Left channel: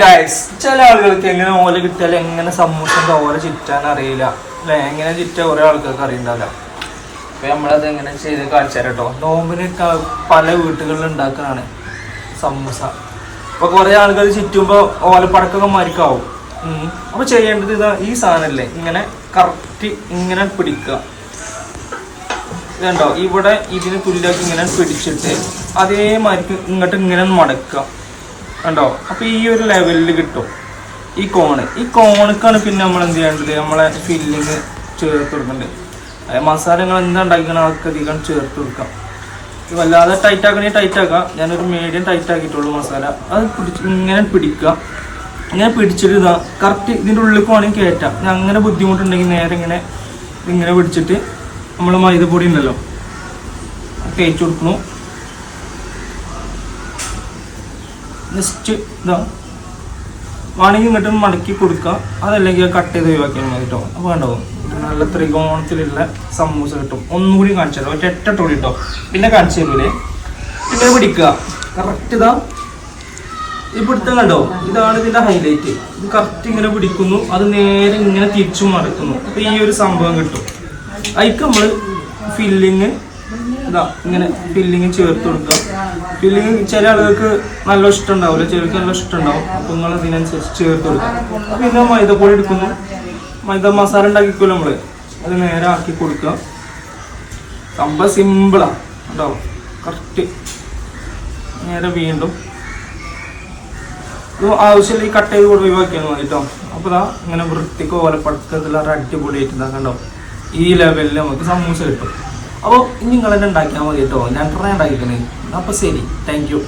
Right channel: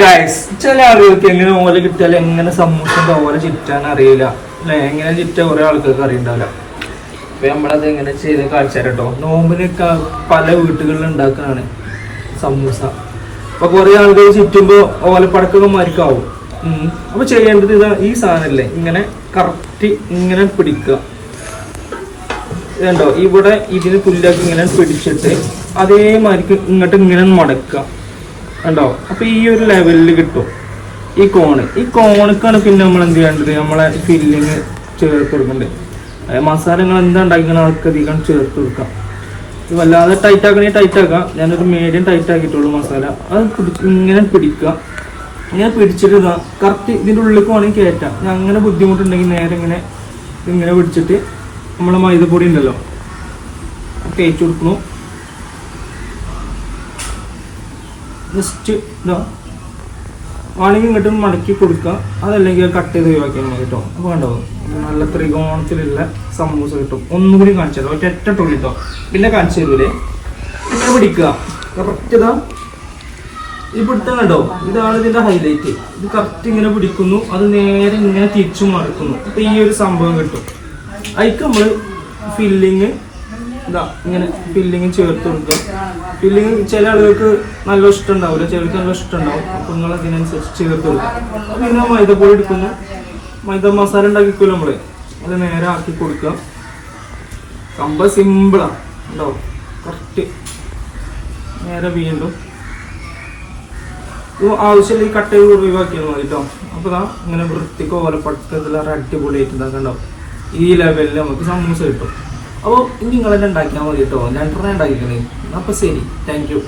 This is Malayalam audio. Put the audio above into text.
ഗൈസ്, ചില ആളുകൾക്ക് എങ്ങനെ ഓല കിട്ടിയാലും എങ്ങനെ സമൂസന്റെ ഓല ചുറ്റാൻ അറിയില്ല അല്ലെ. എങ്ങനെ ചുറ്റ കുറെ ആൾക്കാർക്ക് അറിയണ്ടല്ല. അപ്പൊ നമ്മളത് എങ്ങനെ ചെയ്ത് കാണിച്ചു തരാം കേട്ടോ. നോമ്പിനൊക്കെ പല വീട്ടുകളിൽ ഉണ്ടാക്കുന്നതാണ് സമൂസ. അപ്പൊ കുറെ ആളുകൾ ചുറ്റുമ്പോ ഓലപ്പടക്കൊക്കെ മരിക്കാവും. അപ്പൊ ചെയ്യേണ്ടത് ഇതാ, ഈ സാധനല്ലേ ഇങ്ങനെ കറക്റ്റ് ഇങ്ങനെ പിടിക്കുക. ഇതുണ്ടോ, ഇവിടെ ഇതിന് തുല്യാക്കി ഇങ്ങനെ പിടിച്ചിട്ട് അതേമാതിരി ഇങ്ങോട്ട് ഇങ്ങനെ മടക്കുക. കണ്ടോ? അപ്പൊ ഈ ഒരു ലെവലിൽ കിട്ടും ഈ കോണക്കാണ് പിന്നെ നമ്മൾ എന്ത് ചെയ്യേണ്ടത്, നമ്മളെ ഫില്ലിങ് ചേർത്ത് കൊടുക്കേണ്ടത്. മസാലകൾ എന്താ ഉണ്ടാക്കിക്കണം അതൊക്കെ അധികം ചേർത്ത് കൊടുക്കാം. വല്ലാതെ ടൈറ്റ് ആക്കാം. ഞാനൊരു മീഡിയം ടൈറ്റ് ആക്കിയിട്ടുള്ളൂ മസാല. അത് ഇങ്ങനെ പിടിക്കുക. ഇങ്ങനെ പിടിച്ചിട്ട് ഇതാ കറക്റ്റ് ഇതിൻ്റെ ഉള്ളിലേക്ക് വേണമെങ്കിൽ കയറ്റാം. ഞാൻ അങ്ങനെ ബുദ്ധിമുട്ടുണ്ടെങ്കിൽ നേരെ ഇങ്ങനെ പിടിച്ചിട്ട് നമ്മളെ മൈദപ്പൊടി ഉണ്ടല്ലോ തേച്ച് കൊടുക്കണു. ജസ്റ്റ് ഇതാ ആണെങ്കിൽ ഇങ്ങോട്ട് മടക്കി കൊടുക്കുക. അതല്ലെങ്കിൽ കട്ട് ചെയ്ത് ഒഴിവാക്കിയാൽ മതി കേട്ടോ. അപ്പോൾ കണ്ടോ, നല്ല ത്രികോണത്തിലുള്ള സമൂസ കിട്ടും. ഒന്നുകൂടി കാണിച്ചു തരാം, ഒറ്റ ടോടി കേട്ടോ. പിന്നെ കാണിച്ചു തരൂലേ. ഇങ്ങനെ പിടിക്കുക കറക്റ്റ്. ഇതാ ഈ പിടുത്തം കണ്ടോ, ഇതാണ് ഇതിന്റെ ഹൈലൈറ്റ്. ഇത് കറക്റ്റ് ഇങ്ങനെ പിടിക്കുന്നു, അത് നേരെ ഇങ്ങനെ തിരിച്ചും മടക്കുന്നു. അപ്പൊ ഈ ഒരു സംഭവം കിട്ടും. അതിക്ക് നമ്മള് ഫില്ലിങ് ഇതാ ഇങ്ങനെ ഫില്ലിങ് ചേർത്ത് കൊടുക്കുക. ഫില്ലിങ് ചില ആളുകൾക്ക് നല്ല ഇഷ്ടം ഉണ്ടാവില്ല, ചിലർക്ക് നല്ല ഇഷ്ടം ഉണ്ടാവും. അപ്പൊ നിങ്ങൾ ഇതിനനുസരിച്ച് ചേർത്ത് കൊടുക്കുക. പിന്നെ മൈദപ്പൊടി എടുക്കുന്നു, മൈദ മസാല ഉണ്ടാക്കിക്കുമല്ലോ നമ്മള്, അത് നേരെ ആക്കി കൊടുക്കുക. സംഭവം സിമ്പിളാ കേട്ടോ. കറക്റ്റ് നേരെ വീണ്ടും ആവശ്യമില്ല ഈ കട്ട് ചെയ്ത് കൂടെ ഒഴിവാക്കിയാൽ മതി കേട്ടോ. അപ്പൊ ഇതാ ഇങ്ങനെ വൃത്തിക്ക് ഓലപ്പടുത്തെല്ലാം അടിപൊളിയായിട്ട് ഇതാക്കണ്ടോ. ഈ ലെവലിൽ നമുക്ക് സമൂസ കിട്ടും. അപ്പോൾ നിങ്ങൾ തന്നെ ഉണ്ടാക്കിയാൽ മതി കേട്ടോ. ഞാൻ ട്രൈ ഉണ്ടാക്കിക്കണേ. അപ്പോൾ ശരി, താങ്ക് യു.